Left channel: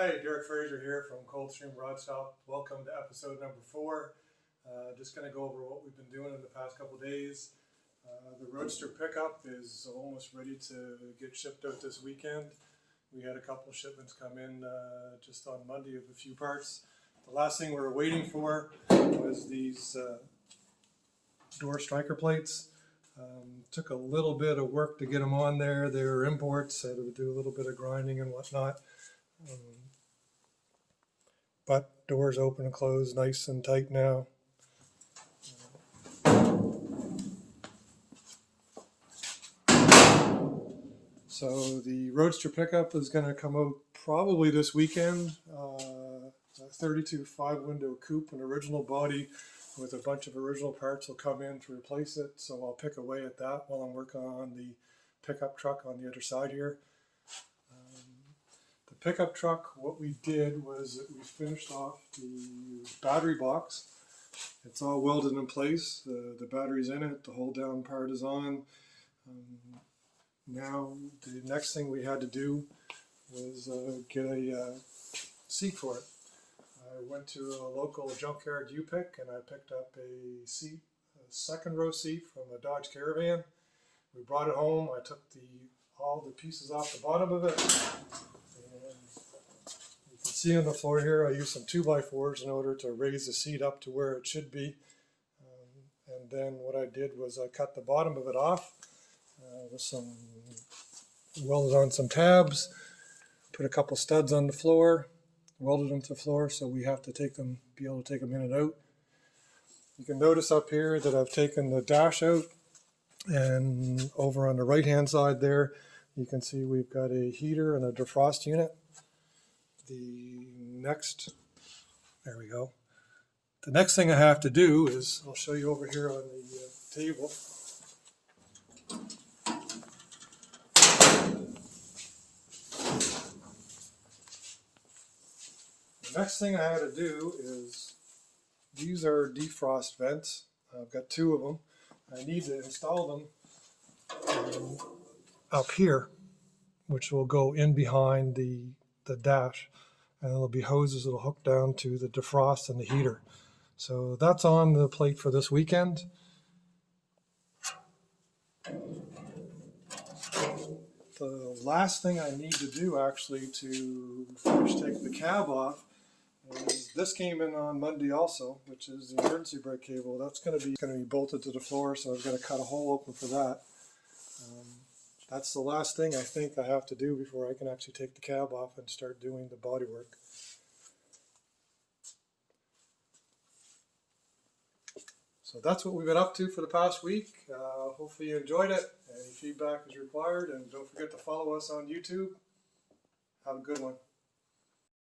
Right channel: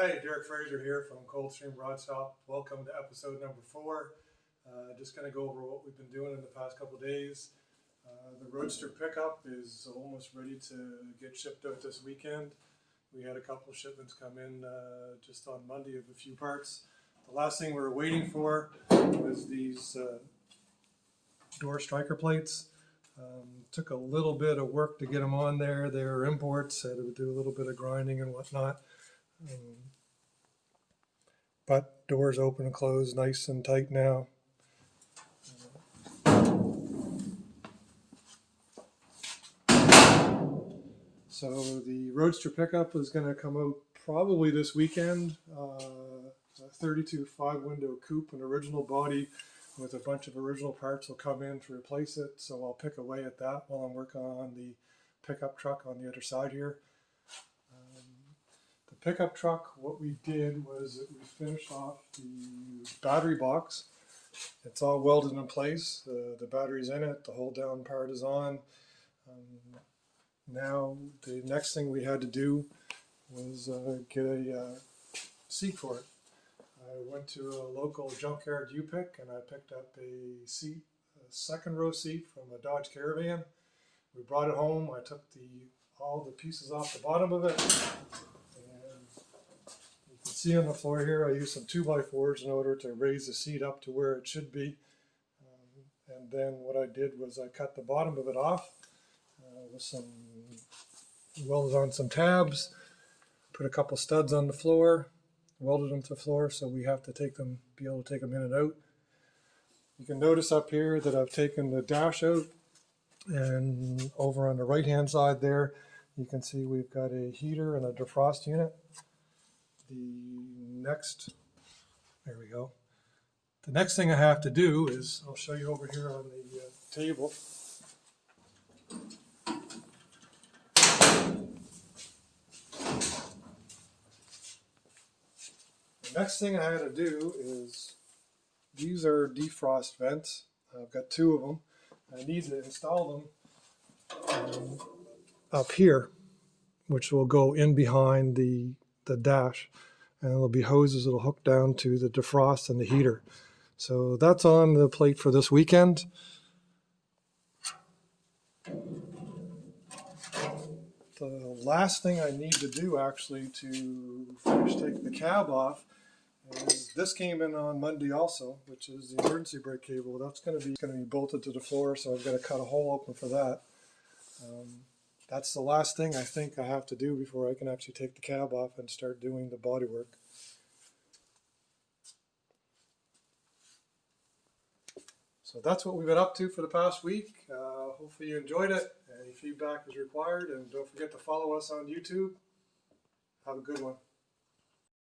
Hi, Derek Fraser here from Coldstream Rod Shop. Welcome to episode number 4. Just going to go over what we've been doing in the past couple days. The Roadster Pickup is almost ready to get shipped out this weekend. We had a couple shipments come in just on Monday of a few parts. The last thing we were waiting for was these door striker plates. Took a little bit of work to get them on there. They were imports, had to do a little bit of grinding and whatnot. But doors open and close nice and tight now. So the Roadster Pickup is going to come out probably this weekend. A 32 5-window coupe, an original body with a bunch of original parts will come in to replace it. So I'll pick away at that while I'm working on the pickup truck on the other side here. The pickup truck, what we did was that we finished off the battery box. It's all welded in place. The battery's in it. The hold down part is on. Now the next thing we had to do was get a seat for it. I went to a local junkyard U-Pick and I picked up a seat, a second row seat from a Dodge Caravan. We brought it home. I took all the pieces off the bottom of it. And you can see on the floor here I used some 2x4s in order to raise the seat up to where it should be. And then what I did was I cut the bottom of it off with welded on some tabs, put a couple studs on the floor, welded them to the floor, so we have to be able to take them in and out. You can notice up here that I've taken the dash out, and over on the right hand side there you can see we've got a heater and a defrost unit. There we go. The next thing I have to do is, I'll show you over here on the table. The next thing I had to do is, these are defrost vents. I've got 2 of them. I need to install them up here, which will go in behind the dash, and there'll be hoses that'll hook down to the defrost and the heater. So that's on the plate for this weekend. The last thing I need to do actually to finish taking the cab off is, this came in on Monday also, which is the emergency brake cable. That's going to be bolted to the floor, so I've got to cut a hole open for that. That's the last thing I think I have to do before I can actually take the cab off and start doing the body work. So that's what we've been up to for the past week. Hopefully you enjoyed it. Any feedback is required, and don't forget to follow us on YouTube. Have a good one.